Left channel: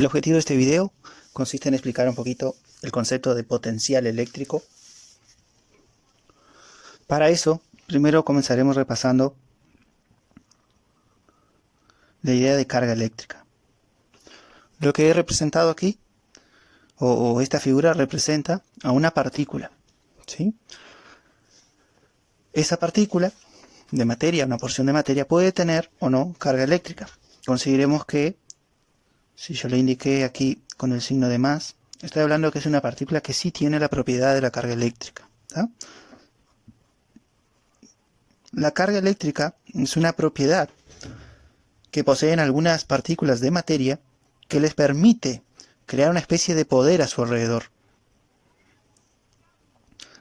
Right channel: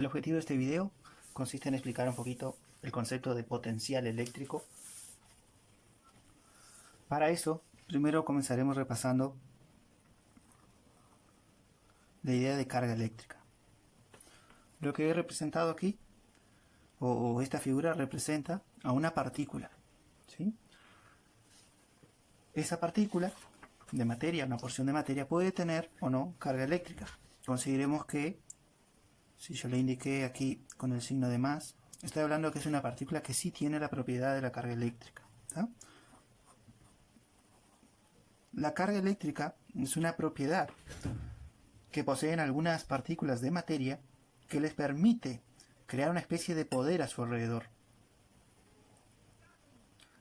El objetivo de este video consiste en explicar un poquito el concepto de potencial eléctrico. Para eso, primero comenzaremos repasando la idea de carga eléctrica. Lo que he representado aquí, o esta figura representa a una partícula, ¿sí? Esa partícula de materia, una porción de materia, puede tener o no carga eléctrica. Consideremos que, si yo le indiqué aquí con el signo de más, estoy hablando que es una partícula que sí tiene la propiedad de la carga eléctrica, ¿tá? La carga eléctrica es una propiedad que poseen algunas partículas de materia que les permite crear una especie de poder a su alrededor.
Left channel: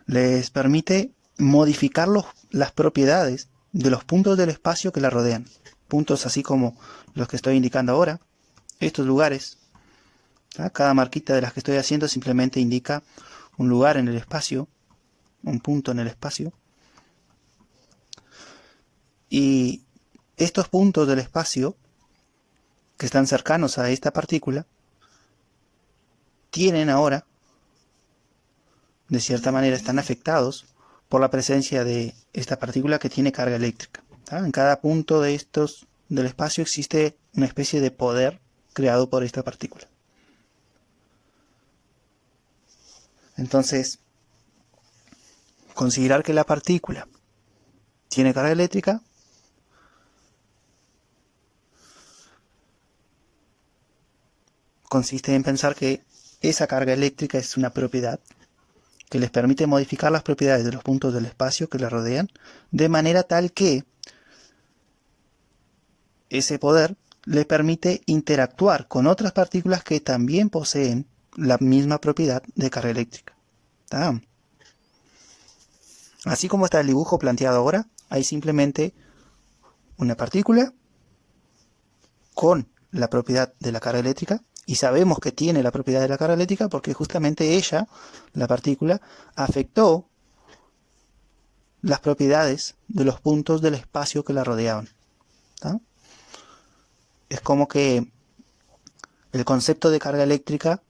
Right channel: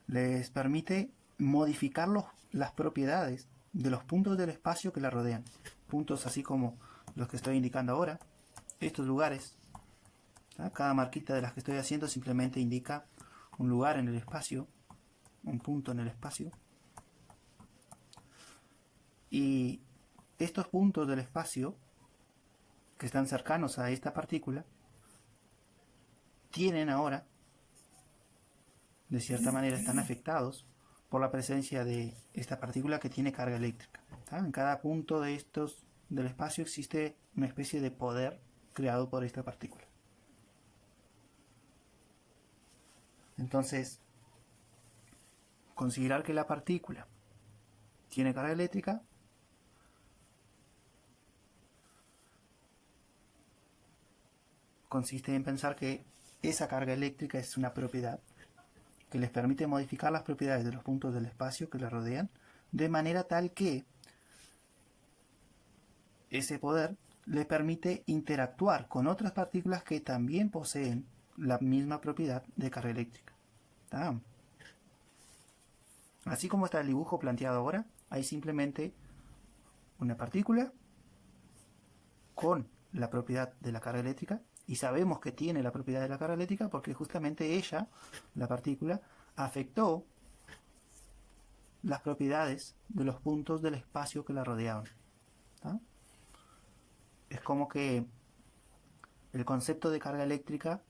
Les permite modificar las propiedades de los puntos del espacio que la rodean. Puntos así como los que estoy indicando ahora, estos lugares. Cada marquita de las que estoy haciendo simplemente indica un lugar en el espacio, un punto en el espacio. Y estos puntos del espacio que están cercanos a esta partícula tienen ahora, de cierta manera, están afectados por la presencia de esta partícula que tiene carga eléctrica. En cada punto de estos del espacio existe una especie de poder creado por esta partícula. Entonces, considerar que la partícula tiene carga eléctrica consiste en pensar que esa carga eléctrica es una propiedad que les permite modificar las propiedades de los puntos del espacio que la rodean, de manera tal que ese poder le permite interactuar con otras partículas que también poseen la misma propiedad de carga eléctrica. ¿Tá? Así como está el dibujo planteado ahora, hay simplemente una partícula con la propiedad de la carga eléctrica, y sabemos que tiene la propiedad de la carga eléctrica porque justamente ella, la partícula, afectó las propiedades de los puntos del espacio que la rodeaban. ¿Tá? Es como que el concepto de carga eléctrica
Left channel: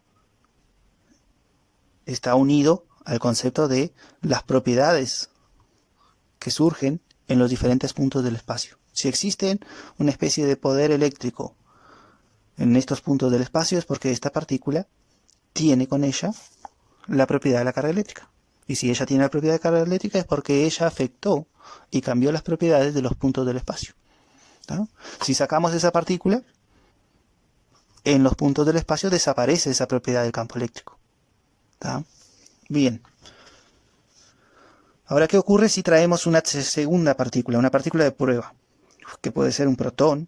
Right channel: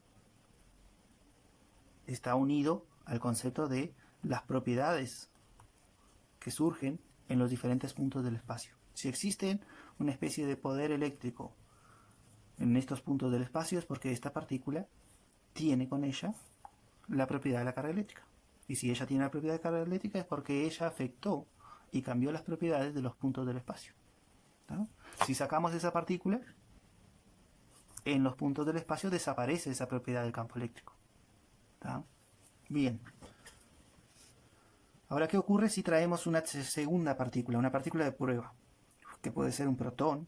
está unido al concepto de las propiedades que surgen en los diferentes puntos del espacio. Si existe una especie de poder eléctrico en estos puntos del espacio es porque esta partícula tiene con ella la propiedad de la carga eléctrica. Y si ella tiene la propiedad de carga eléctrica es porque ella afectó y cambió las propiedades de los puntos del espacio. ¿Tá? Si sacamos esa partícula, en los puntos del espacio desaparece esa propiedad del campo eléctrico. ¿Tá? Bien. Ahora, ¿qué ocurre si traemos una segunda partícula, una partícula de prueba, que puede ser un protón?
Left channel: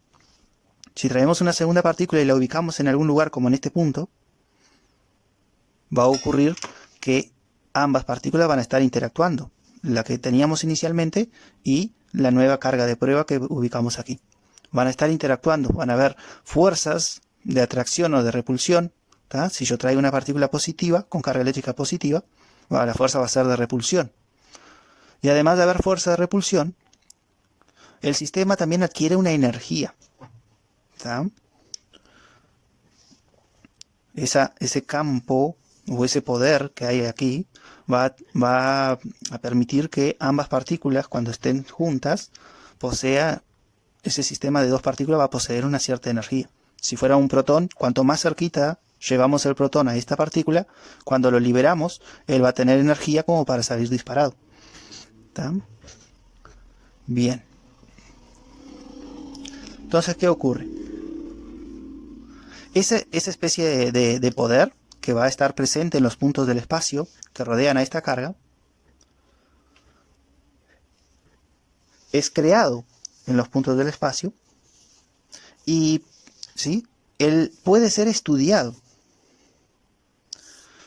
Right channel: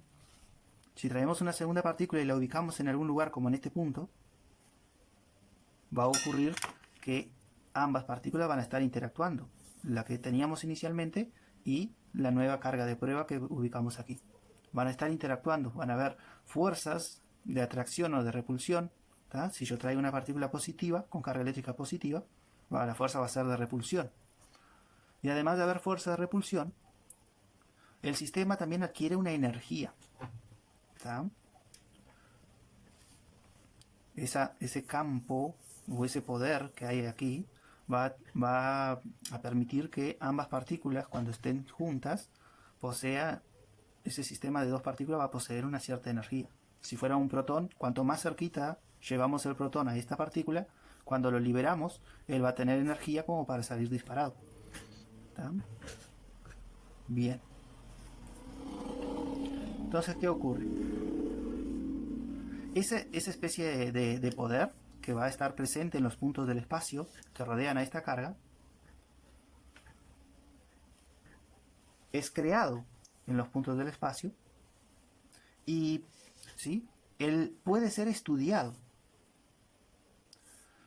Si traemos una segunda partícula y la ubicamos en algún lugar como en este punto, va a ocurrir que ambas partículas van a estar interactuando, la que teníamos inicialmente y la nueva carga de prueba que ubicamos aquí. Van a estar interactuando, van a haber fuerzas de atracción o de repulsión. ¿Tá? Si yo traigo una partícula positiva, con carga eléctrica positiva, la fuerza va a ser de repulsión. Y además de haber fuerza de repulsión, el sistema también adquiere una energía. ¿Tá? Ese campo o ese poder que hay aquí va a permitir que ambas partículas, cuando estén juntas, ese sistema de dos partículas va a poseer una cierta energía. Si fuera un protón, cuanto más cerquita llevamos el protón a esta partícula, cuando lo liberamos, él va a tener energía como para salir disparado. ¿Tá? Bien. Entonces, ¿qué ocurre? Esa especie de poder que va a estar presente en los puntos del espacio que rodean a esta carga es creado en los puntos del espacio y ¿sí? Él puede ser estudiado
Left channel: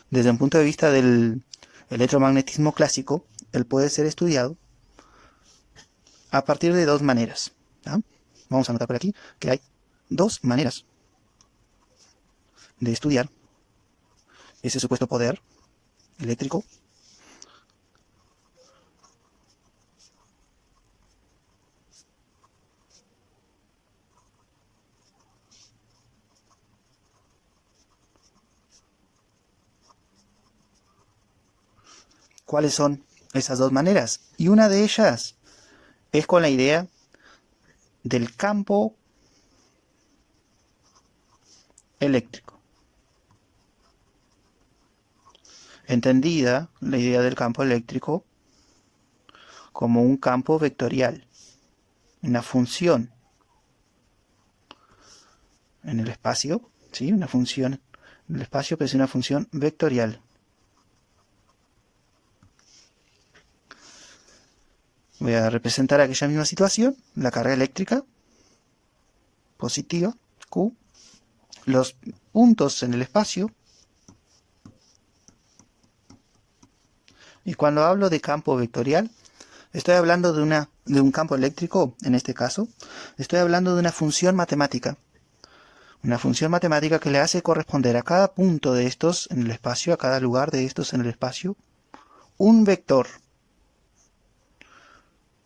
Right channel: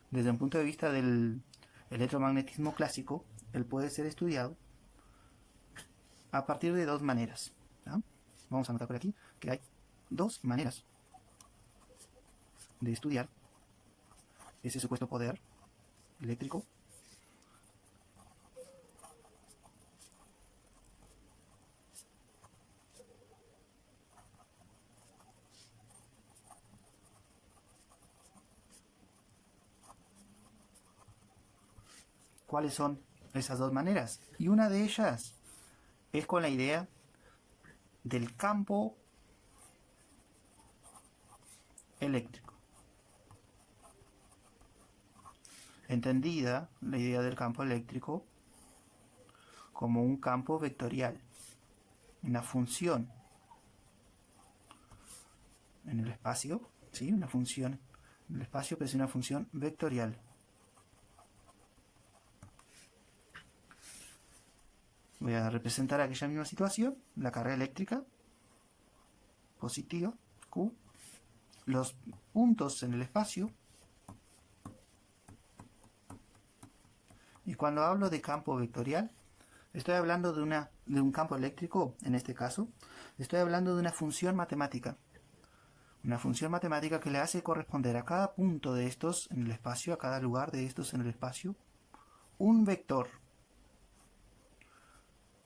desde un punto de vista del electromagnetismo clásico. Él puede ser estudiado a partir de dos maneras. ¿Tá? Vamos a anotar por aquí que hay dos maneras de estudiar ese supuesto poder eléctrico. ¿Cuáles son esas dos maneras? Y una de ellas es con la idea del campo eléctrico. Entendida la idea del campo eléctrico como un campo vectorial, una función en el espacio, ¿sí? Una función en el espacio, pero es una función vectorial. Voy a representar aquella misma situación, la carga eléctrica positiva, Q, los puntos en el espacio. Y cuando hablo de campo vectorial, estoy hablando de un campo eléctrico, en este caso, estoy hablando de una función matemática. Una función matemática que le hace corresponder a cada punto de estos en el espacio, a cada lugar de estos en el espacio, un vector.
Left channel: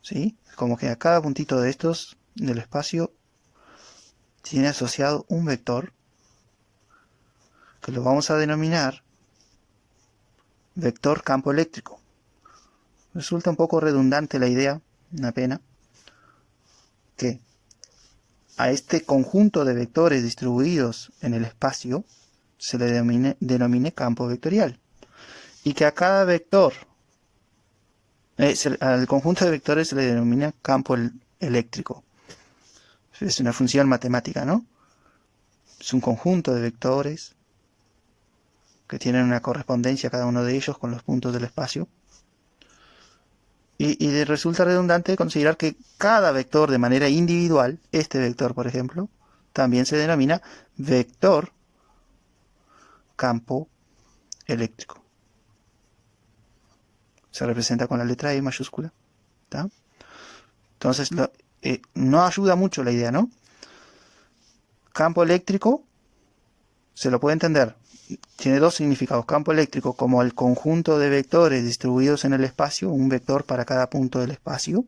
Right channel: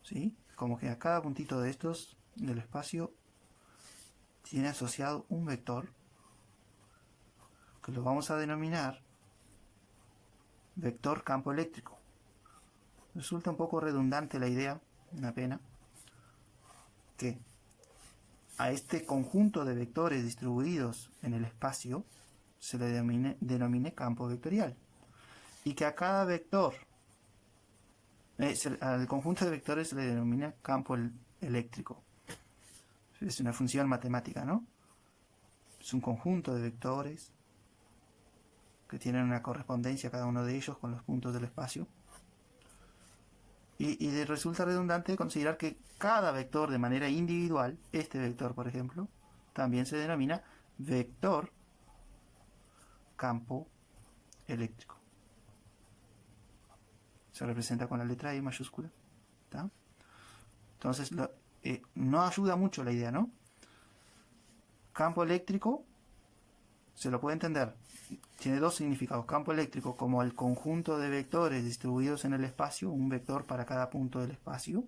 ¿Sí? Como que a cada puntito de estos del espacio tiene asociado un vector que lo vamos a denominar vector campo eléctrico. Resulta un poco redundante la idea, una pena, que a este conjunto de vectores distribuidos en el espacio se le denomine campo vectorial. Y que a cada vector, al conjunto de vectores se le denomina campo eléctrico. Es una función matemática, ¿no? Es un conjunto de vectores que tienen una correspondencia cada uno de ellos con los puntos del espacio. Y resulta redundante considerar que cada vector de manera individual, este vector por ejemplo, también se denomina vector campo eléctrico. Se representa con la letra E mayúscula. ¿Tá? Entonces, no ayuda mucho la idea, ¿no? Campo eléctrico, se lo puede entender, tiene dos significados. Campo eléctrico como el conjunto de vectores distribuidos en el espacio, un vector para cada punto del espacio.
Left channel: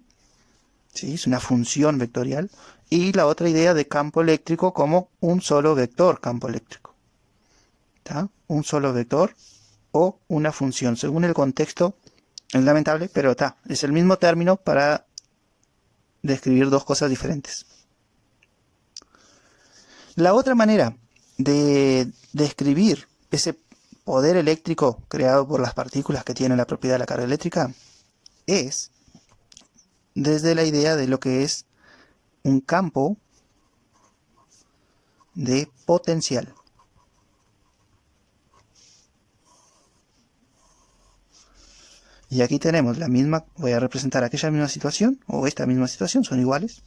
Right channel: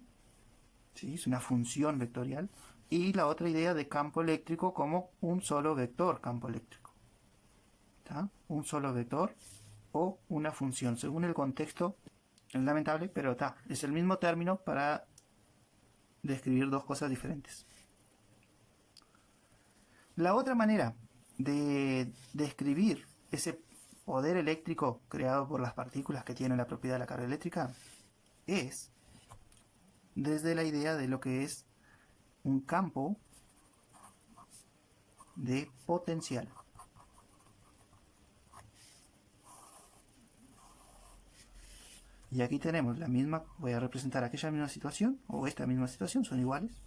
¿Sí? Es una función vectorial. Y la otra idea de campo eléctrico como un solo vector campo eléctrico. ¿Tá? Un solo vector o una función. Según el contexto, es lamentable, pero es el mismo término para describir dos cosas diferentes. La otra manera de describir ese poder eléctrico creado por las partículas que tienen la propiedad de la carga eléctrica es desde la idea de lo que es un campo de potencial. Y aquí tenemos la misma, voy a representar aquella misma situación, o esta misma situación, son iguales.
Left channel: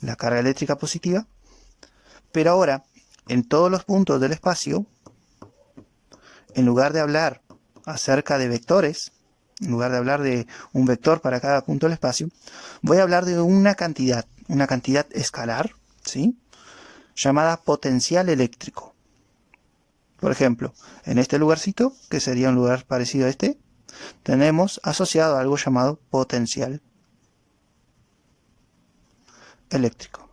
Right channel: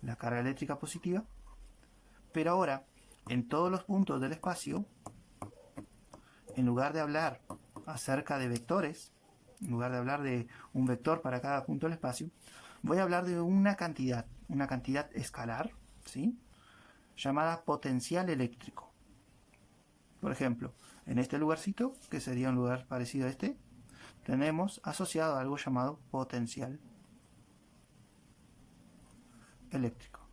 La carga eléctrica positiva. Pero ahora, en todos los puntos del espacio, en lugar de hablar acerca de vectores, en lugar de hablar de un vector para cada punto del espacio, voy a hablar de una cantidad escalar, ¿sí? Llamada potencial eléctrico. Por ejemplo, en este lugarcito, que sería un lugar parecido a este, tenemos asociado algo llamado potencial eléctrico,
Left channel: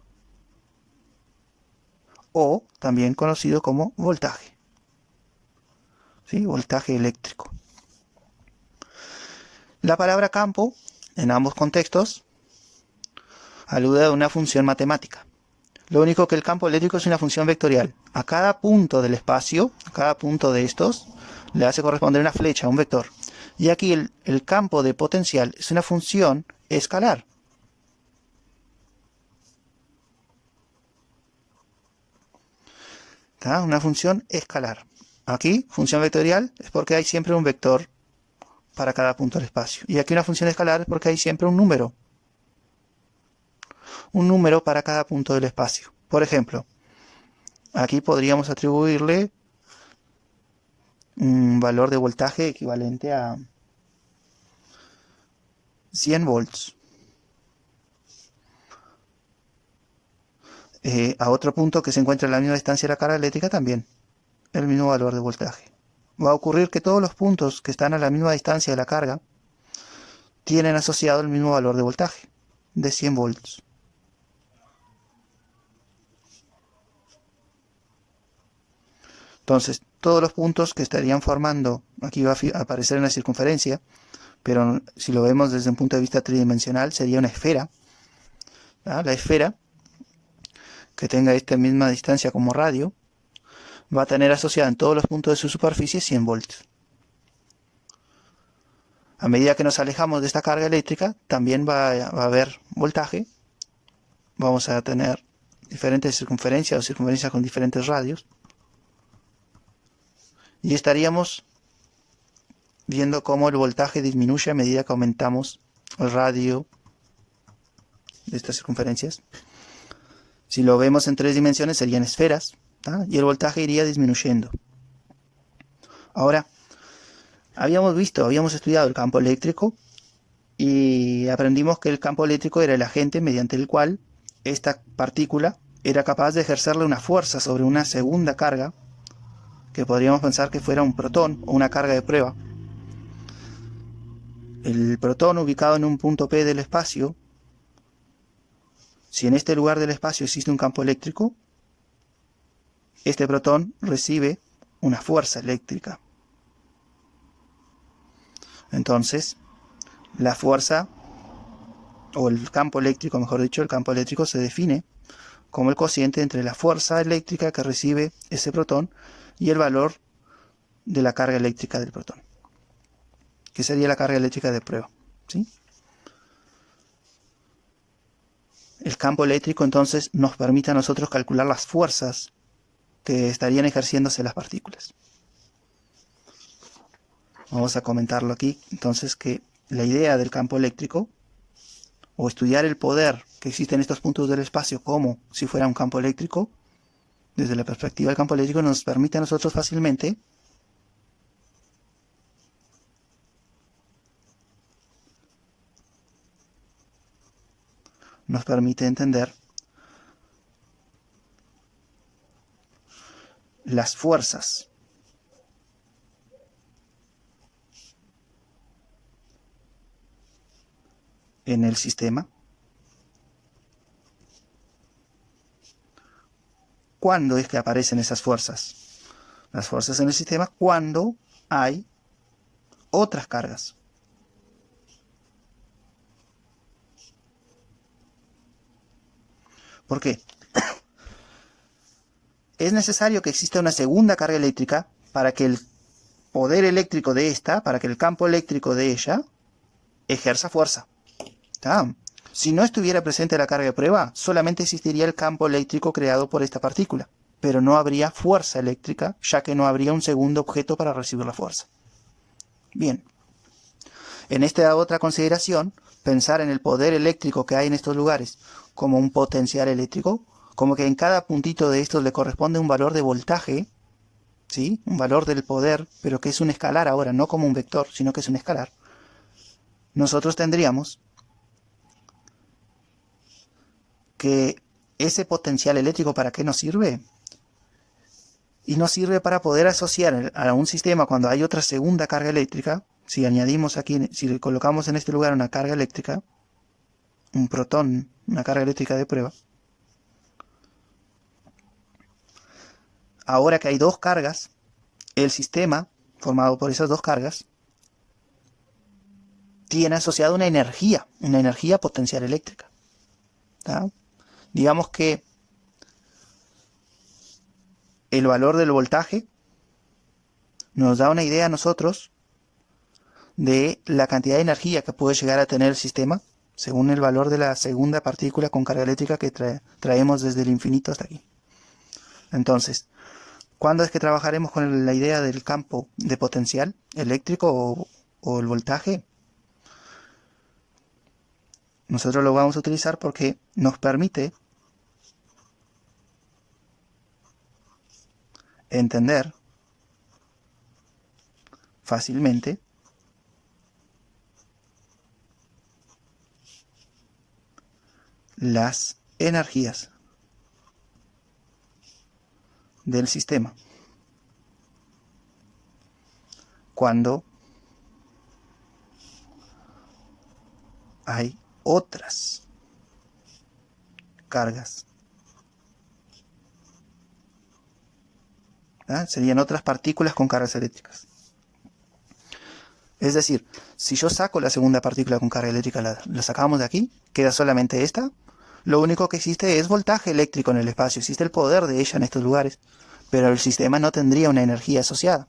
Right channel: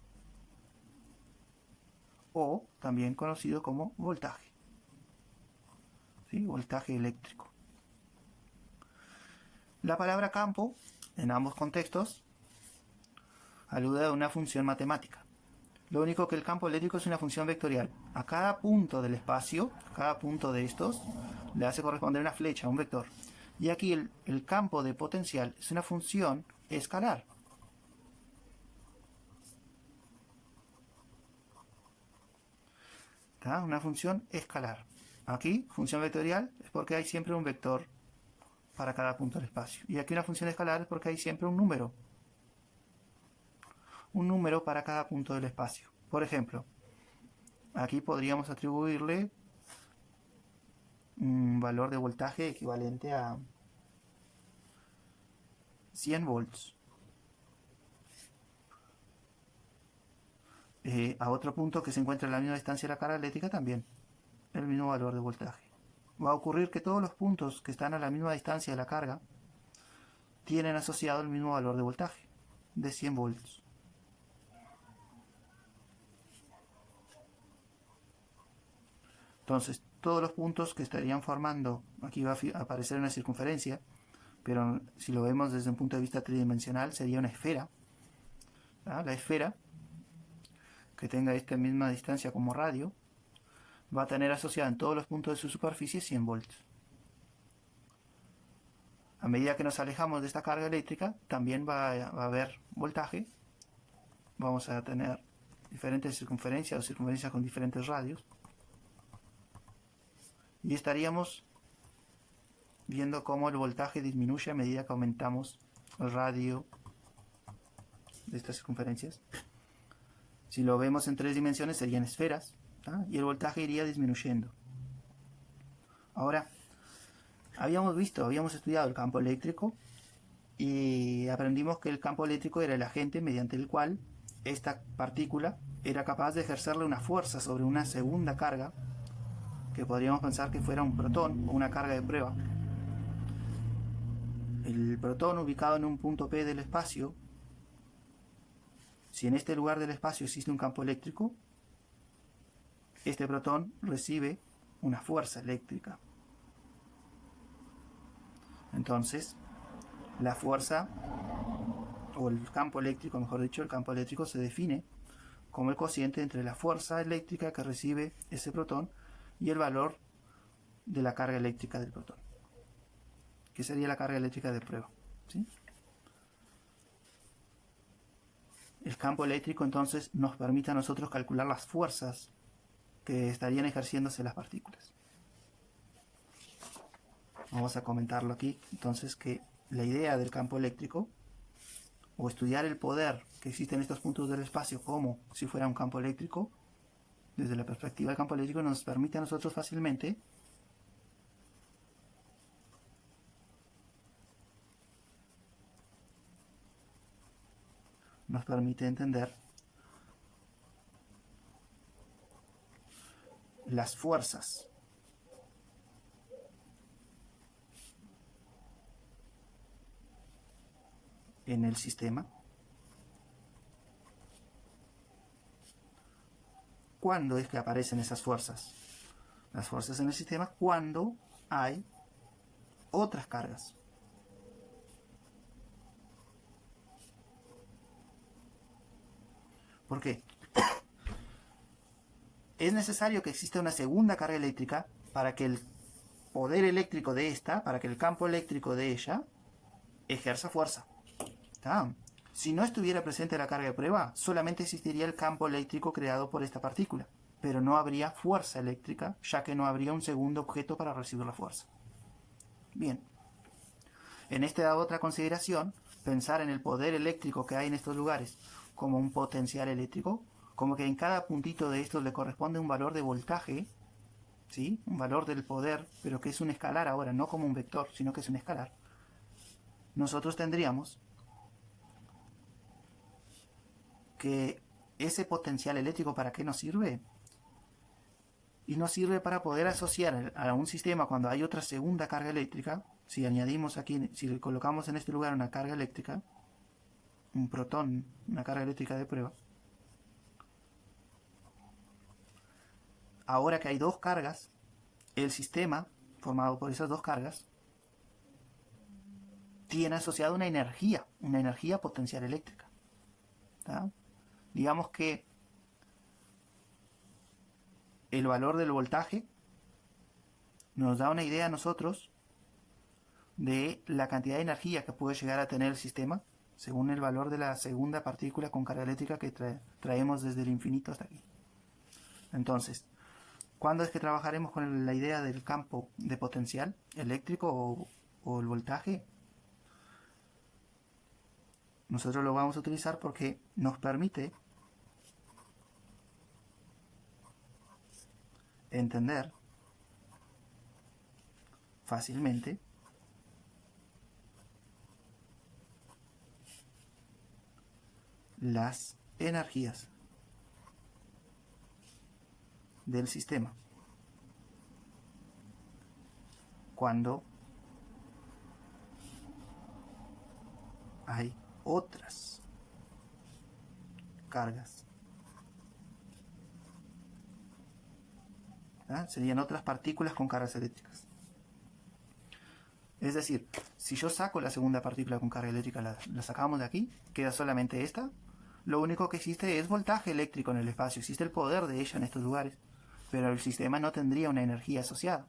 o también conocido como voltaje. ¿Sí? Voltaje eléctrico. La palabra campo, en ambos contextos, alude a una función matemática. Lo único que el campo eléctrico es una función vectorial. A cada punto del espacio, a cada punto de estos, le hace corresponder una flecha, un vector. Y aquí el campo de potencial es una función escalar. ¿Tá? Una función escalar. Aquí, función vectorial, es porque hay siempre un vector para cada punto del espacio. Y aquí una función escalar es porque hay siempre un número. Un número para cada punto del espacio. Por ejemplo, aquí podríamos atribuirle un valor de voltaje equivalente a 100 volts. A otro punto que se encuentra a la misma distancia de la carga eléctrica también el mismo valor de voltaje. Va a ocurrir que todos los puntos que están a la misma distancia de la carga tienen asociado el mismo valor de voltaje, de 100 volts. Entonces, todos los puntos que estarían formando, aquí va a aparecer en la circunferencia, pero si lo vemos desde un punto de vista tridimensional sería una esfera. ¿Ah? La esfera, que tenga esta misma distancia como radio, va a tener asociada en todos los puntos de su superficie 100 voltios. A medida que nos alejamos de esta carga eléctrica, también va a haber voltaje. Vamos a tener diferentes circunferencias o circunferencias con diferentes radios. Y estaríamos viendo cómo el voltaje disminuye a medida que aumentamos el radio de estas circunferencias. Si lo vemos en 3 dimensiones serían esferas, ¿tá? Y el voltaje iría disminuyendo. Ahora, habíamos estudiado el campo eléctrico y aprendimos que el campo eléctrico era el agente mediante el cual esta partícula era capaz de ejercerle una fuerza sobre una segunda carga, que podríamos pensar que fuera un protón o una carga de prueba. El protón, ubicado en un punto P del espacio, si en este lugar del espacio existe un campo eléctrico, este protón recibe una fuerza eléctrica. Entonces, la fuerza, o el campo eléctrico, mejor dicho, el campo eléctrico se define como el cociente entre la fuerza eléctrica que recibe ese protón y el valor de la carga eléctrica del protón, que sería la carga eléctrica de prueba, ¿sí? El campo eléctrico entonces nos permite a nosotros calcular las fuerzas que estarían ejerciéndose las partículas. Vamos a comentarlo aquí, entonces, que la idea del campo eléctrico, o estudiar el poder que existe en estos puntos del espacio como si fuera un campo eléctrico, desde la perspectiva del campo eléctrico nos permite a nosotros fácilmente entender las fuerzas en el sistema. ¿Cuándo es que aparecen esas fuerzas? Las fuerzas en el sistema cuando hay otras cargas. ¿Por qué? Es necesario que exista una segunda carga eléctrica para que el poder eléctrico de esta, para que el campo eléctrico de ella ejerza fuerza. ¿Tá? Si no estuviera presente la carga de prueba, solamente existiría el campo eléctrico creado por esta partícula, pero no habría fuerza eléctrica, ya que no habría un segundo objeto para recibir la fuerza. Bien, en esta otra consideración, pensar en el poder eléctrico que hay en estos lugares como un potencial eléctrico, como que en cada puntito de estos le corresponde un valor de voltaje, ¿sí? Un valor del poder, pero que es un escalar ahora, no como un vector, sino que es un escalar. Nosotros tendríamos que ese potencial eléctrico, ¿para qué nos sirve? Y nos sirve para poder asociar a un sistema cuando hay otra segunda carga eléctrica. Si añadimos aquí, si le colocamos en este lugar una carga eléctrica, un protón, una carga eléctrica de prueba, ahora que hay dos cargas, el sistema formado por esas dos cargas tiene asociada una energía potencial eléctrica. ¿Tá? Digamos que el valor del voltaje nos da una idea a nosotros de la cantidad de energía que puede llegar a tener el sistema según el valor de la segunda partícula con carga eléctrica que traemos desde el infinito hasta aquí. Entonces, ¿cuándo es que trabajaremos con la idea del campo de potencial eléctrico o el voltaje? Nosotros lo vamos a utilizar porque nos permite entender fácilmente las energías del sistema cuando hay otras cargas ¿Ah? Serían otras partículas con cargas eléctricas. Es decir, si yo saco la segunda partícula con carga eléctrica, la sacamos de aquí, queda solamente esta. Lo único que existe es voltaje eléctrico en el espacio, existe el poder de ella en estos lugares, pero el sistema no tendría una energía asociada.